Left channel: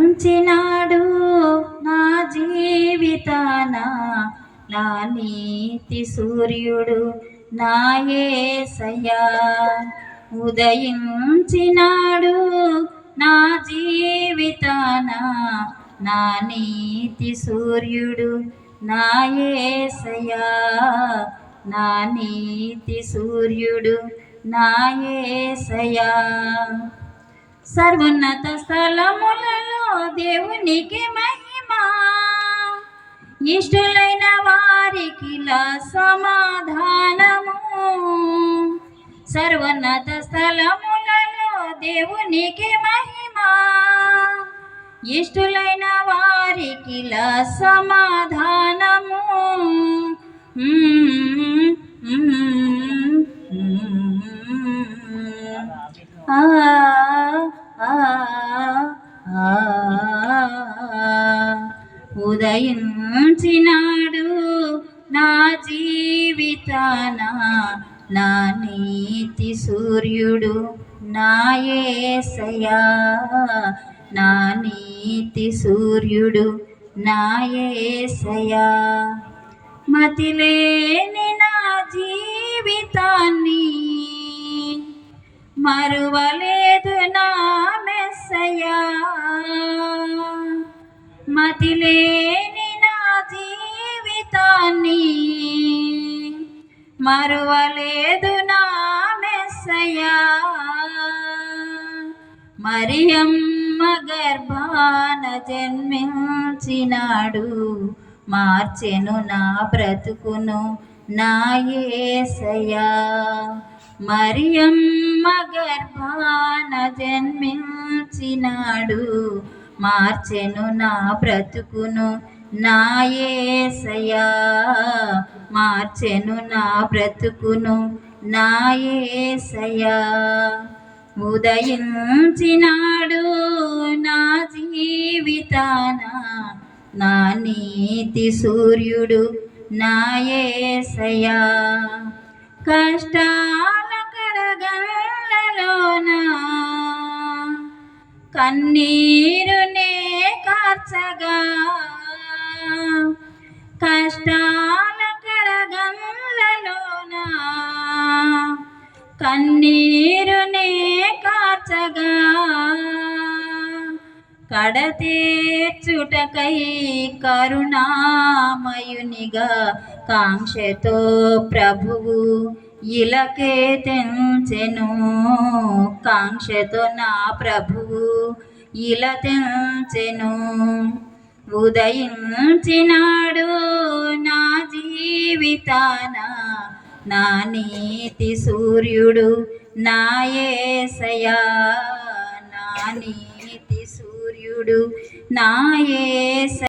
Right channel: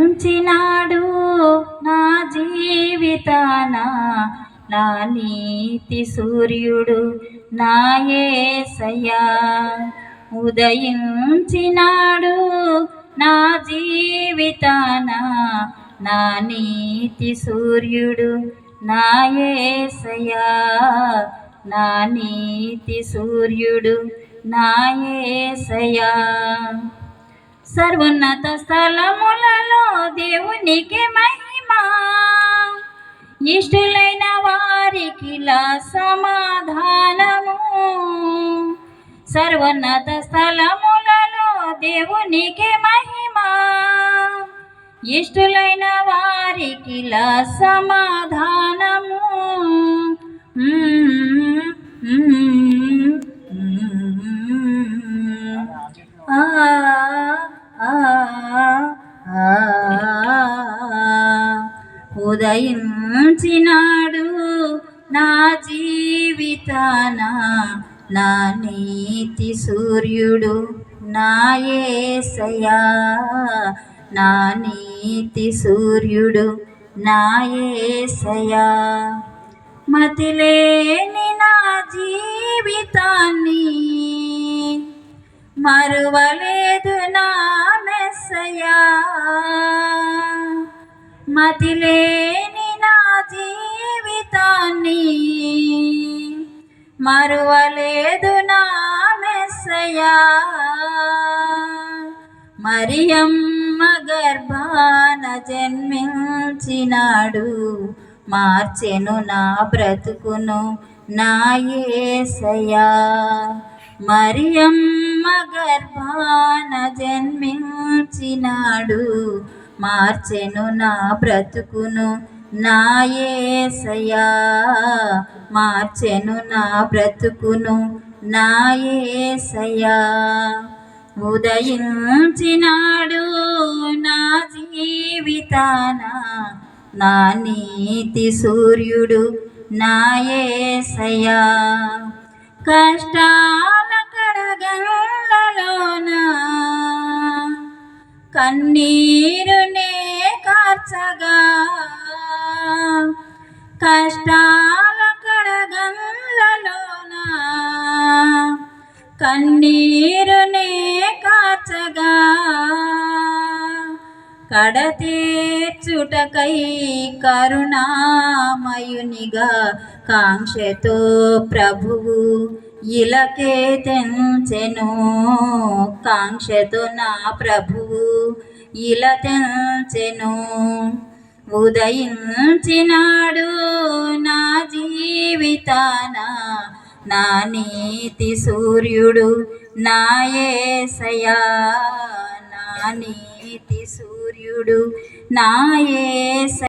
ఉంచినాడు నా జీవితాన నా నీతి సూర్యుడు నా యేసయ్యా. ఉదయించినాడు నా జీవితాన నా నీతి సూర్యుడు నా యేసయ్యా. నా నీతి సూర్యుడు నా యేసయ్యా. సర్వోన్నత స్థలములలో దేవునికి మహిమ, ఇష్టులైన వారికిలా సమాధానము. సర్వోన్నత స్థలములలో దేవునికి మహిమ, ఇష్టులైన వారికిలా సమాధానము. ఉదయించినాడు నా జీవితాన నా నీతి సూర్యుడు నా యేసయ్యా. నా నీతి సూర్యుడు నా యేసయ్యా. మతిలేని నా జీవితాన్ని మరువలేదు నా మెస్సయ్యా. మతిలేని నా జీవితాన్ని మరువలేదు నా మెస్సయ్యా. మరియమ్మ గర్భాన జన్మించినాడు, మార్చెను నా బ్రతుకును నా యేసయ్యా. మరియమ్మ గర్భాన జన్మించినాడు, మార్చెను నా బ్రతుకును నా యేసయ్యా. మార్చెను నా బ్రతుకును నా యేసయ్యా. ఉదయించినాడు నా జీవితాన నా నీతి సూర్యుడు నా యేసయ్యా. కష్టాల కడగళ్ళలోన కన్నీరునే కార్చగా, కష్టాల కడగళ్ళలోన కన్నీరునే కార్చగా, కడతీర్చుటకై కరుణామయునిగా కాంక్షతో ప్రభువు ఇలకే తెంచెను. కాంక్షతో నా ప్రభువు ఇలా తెంచెను. ఉదయించినాడు నా జీవితాన నా నీతి సూర్యుడు నా యేసయ్యా. నా నీతి సూర్యుడు నా యేసయ్యా.